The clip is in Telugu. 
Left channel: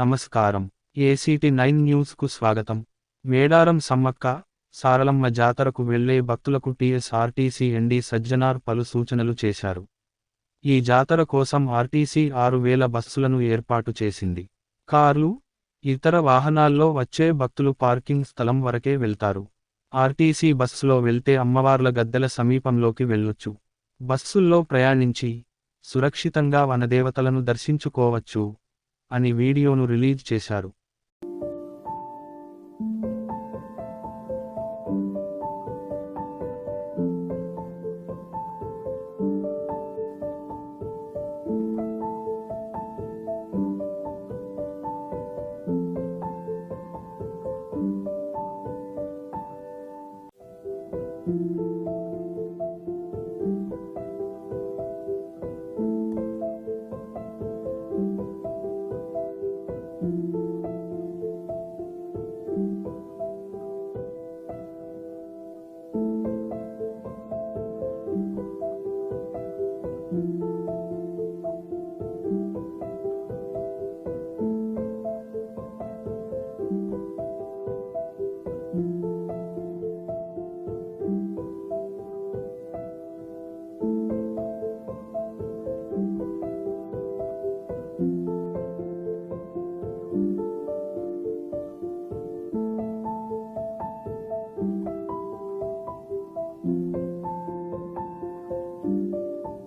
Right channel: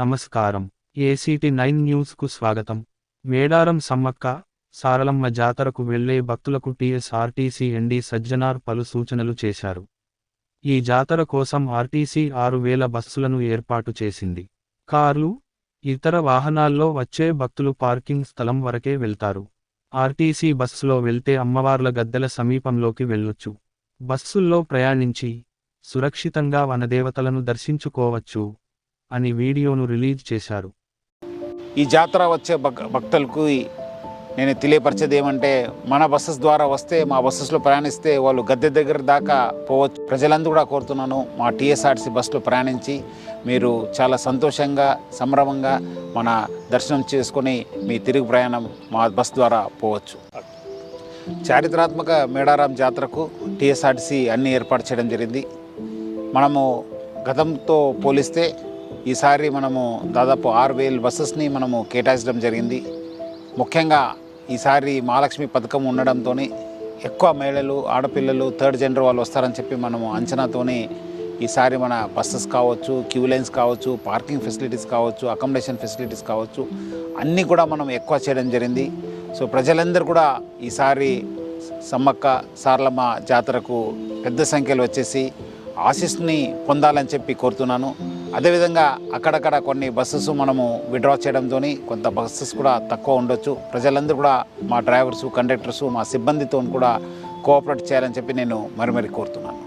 నమస్కారం. ACT9 న్యూస్కు స్వాగతం. మేడారం సమ్మక్క సారలమ్మ జాతరకు వెళ్లే భక్తులకు TSRTC ఎండీ సజ్జనార్ పలు సూచనలు చేశారు. ఈ జాతర కోసం ఆర్టీసీ 6000 బస్సులను ఏర్పాటు చేసింది. కార్లు, ఇతర వాహనాల్లో వచ్చే భక్తులు పార్కింగ్ స్థలం వరకే వెళ్తారు. ఆర్టీసీ బస్సులో వెళ్తే అమ్మవార్ల గద్దెల సమీపంలోకి వెళ్ళొచ్చు. బస్సుల్లో ప్రయాణించి సురక్షితంగా వనదేవతలను దర్శించుకోవచ్చు అని వీడియోను రిలీజ్ చేశారు. ఈ జాతర వచ్చే భక్తులకు నేను తెలియపరిచేది ఏమంటే, మన బస్సెస్ ద్వారా వస్తే, మా బస్సెస్లో ప్రయాణిస్తే వాళ్ళు గద్దె దగ్గర దాకా పోవచ్చు. ప్రజలందరూ కూడా కోరుతున్నాను, మా TSRTC బస్సులో ప్రయాణించి మీరు చాలా సంతోషంగా, సంభ్రమంగా మన దర్శనం చేసుకొని మీ తిరుగు ప్రయాణం మా బస్ ద్వారా పోవచ్చు. చారిత్రాత్మక మేడారం జాతరకు TSRTC అన్ని ఏర్పాటు చేయడం జరిగింది. మనము గతంతో పోలిస్తే ఈసారి మనము దాదాపు 6000 బస్సెస్ని మనము కేటాయించడం జరిగింది. ముఖ్యంగా ఈసారి మహాలక్ష్మి పథకం ఉండడంతో ఎక్కువ మహిళలు, ఆడపిల్లలు, థర్డ్ జెండర్ వాళ్ళు వస్తారని చెప్పి మనము అంచనాతోనే ఈసారి మన బస్సెస్ కావచ్చు, క్యూ లైన్స్ కావచ్చు, పార్కింగ్ ఫెసిలిటీస్ కావచ్చు, అకామిడేషన్ ఫెసిలిటీస్ కావచ్చు, అన్నీ కూడా మనం ఎక్కువ చేయడం జరిగింది. సో ప్రజలందరూ కూడా ఈసారి సమ్మక్క సారలమ్మ జాతరకు పెద్ద సంఖ్యలో వచ్చేసి ఆశీస్సుని పొందాలని చెప్పి కోరుతున్నాను. అదేవిధంగా అక్కడక్కడ కొన్ని బస్సెస్ మనము విడ్రా చేయడంతో కొంత బస్సెస్ కూడా తక్కువ ఉండొచ్చు. ప్రజలందరూ కూడా మా డ్రైవర్సు, కండక్టర్సు, మా సిబ్బందితో కూడా కోఆపరేట్ చేయాలని చెప్పి నేను మరి కోరుతున్నాను.